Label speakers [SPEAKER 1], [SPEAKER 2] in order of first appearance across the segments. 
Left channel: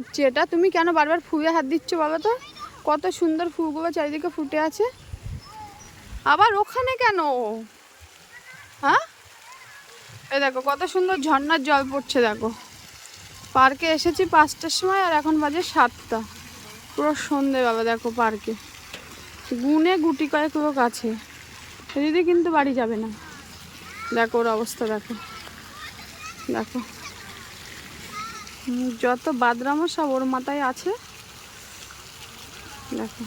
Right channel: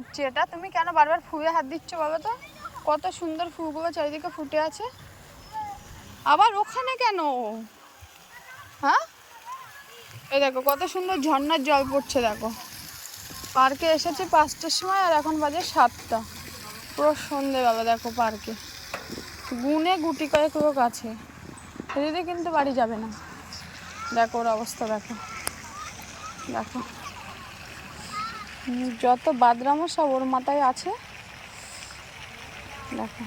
[SPEAKER 1] হচ্ছে এটা। তুমি কেন বারবার ফুয়ে হাত দিচ্ছ বাবা তো? কত সুন্দর ফুলগুলো চারিদিকে ফুটে আছে। আবার ওখানে কেন? হ্যাঁ? এ দেখো, কত সুন্দর ঝর্নার জল পড়ছে, দেখো। পার্কে এসেছি পাঁচটার সময় আর এখন বাজে সাতটা। পুরো সন্ধেবেলা, দেখো পার্কে। গুনে গুটি করে পুরো কাছে যদি কিন্তু বাড়ি যাবে না। দেখো ওর অবস্থা, দেখো। দেখো। যত বাদরামো সব ওর মাথায় আছে। দেখো।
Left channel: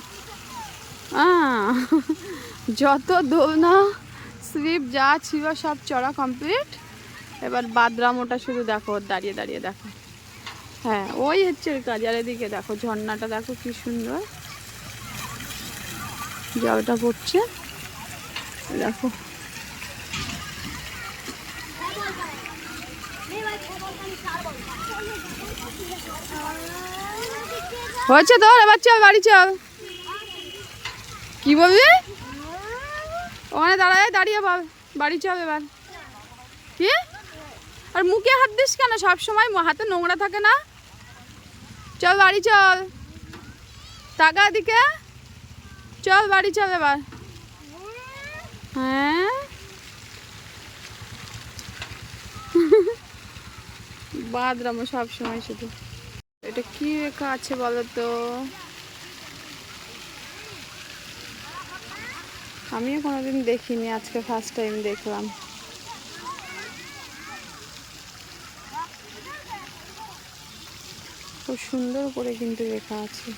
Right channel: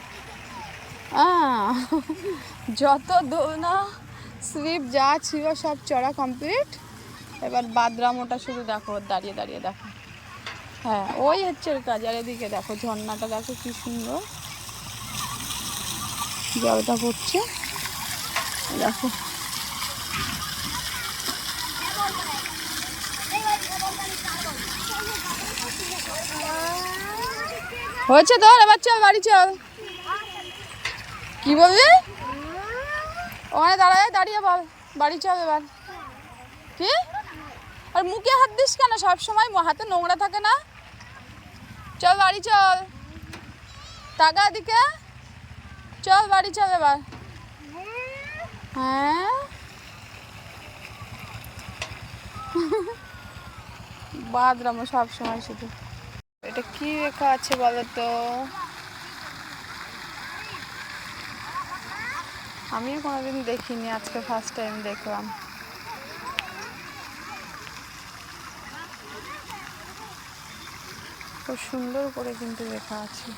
[SPEAKER 1] যত দোলনা, স্লিপ, যা ছিল সব চড়া কমপ্লিট এবার বাদরামোটা শুধু দেখো দাঁড়িয়ে দাঁড়িয়ে দেখো। হ্যাঁ ওই হচ্ছে ওর কাজ। আর এদিকে দেখো, ঝর্ণাটা দেখো কি সুন্দর। জলটা পড়ছে। দেখো। হয়েছে তোর? এবার চল, বাড়ি চল। কি বলবি ওখানে দাঁড়ায় দাঁড়িয়ে বল। বাড়ি চল এবার। কি? আর মুখে হাত দিস কেন? সব সময় হাতে নোংরা থাকে না? চল, বাড়ি চল। টাকা দিকে চল, বাড়ি চল এবার। হ্যাঁ? বাদরাম সব সময় শুধু। এটা কি রেখা আছে বলো তো আমিও কোনোদিন দেখিনি, আজকে ফার্স্ট টাইম দেখলাম। খুব সুন্দর করে কিন্তু রেখা আছে।